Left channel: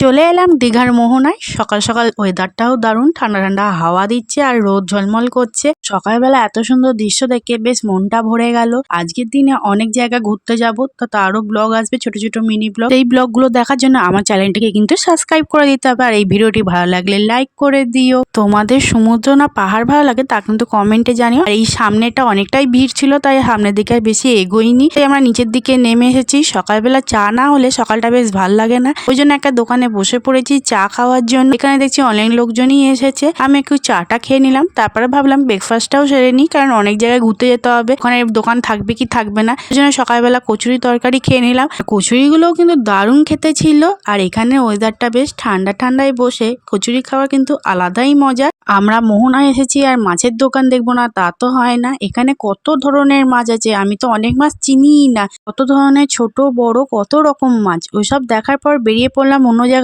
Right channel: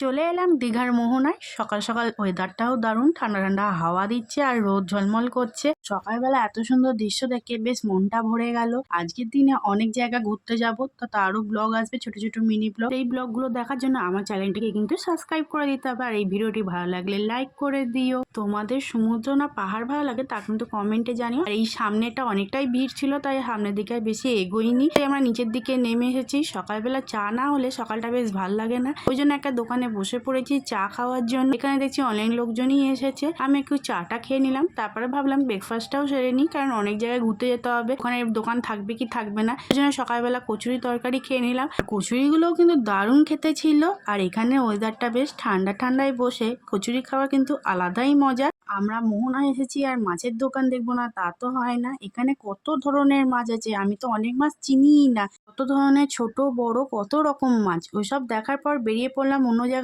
চলে এলাম দীঘার মোহনায়। সকাল সকাল ওয়েদারটাও দারুণ, ঠান্ডা ঠান্ডা হাওয়া দিচ্ছে আর রোদ ঝলমল করছে। সকালবেলা এত সুন্দর দৃশ্য দেখে বেশ মনটা ভরে গেল। আজকের দিনে অনেক জায়গা ঘুরতে যাব, তো তারও ব্লগ আসবে, ছোট ছোট মিনি ব্লগ। এই ব্লগগুলো দেখার জন্য আমার চ্যানেলটাকে কিন্তু সাবস্ক্রাইব করে দিতে হবে। আর এই ভিডিওটি ভালো লাগলে লাইক করে দিও। তোমাদের সমুদ্র না পাহাড় ভালো লাগে তা কিন্তু কমেন্টে জানিও। আর এই সামনেটা অনেকটাই ভিড় ছিল, তাই সামনের দিকে বেশি এগোইনি, তাই আমরা নিচের দিকে নেমে এসেছি। সকালবেলা চা না হলে সকালটা বেশ ভালো লাগে না, ওই জন্য একটা দোকানে বসে পড়েছি চা খাওয়ার জন্য। এখানে দেখছি অনেক লোকজনই এসেছে। আমি একটু চাটা খেয়ে নিলাম, তারপরে ভাবলাম ব্রেকফাস্টটাও সেরে নিই, কারণ অনেক জায়গায় ঘুরতে যেতে হবে, ওখানে দোকান থাকবে কি থাকবে না। ওই জন্য সকালবেলা কচুরি তরকারি খেয়ে নিলাম। কচুরিগুলোও কিন্তু দারুণ খেতে ছিল। আর এখানে ওয়েদারটা বেশ ঠান্ডা ঠান্ডায় বসে কচুরি খাওয়া কিন্তু আলাদাই মজা। আমরা মোহনায় এসেছি আর মাছের দোকান দেখবো না তা তো হয় না। এখানে কত ধরনের মাছ আছে, আমি তো অনেক মাছ চিনিই না। কত ধরনের ছোট বড় কত রকম মাছ, ওইসব দেখার পর বেরিয়ে পড়লাম অন্য জায়গায়।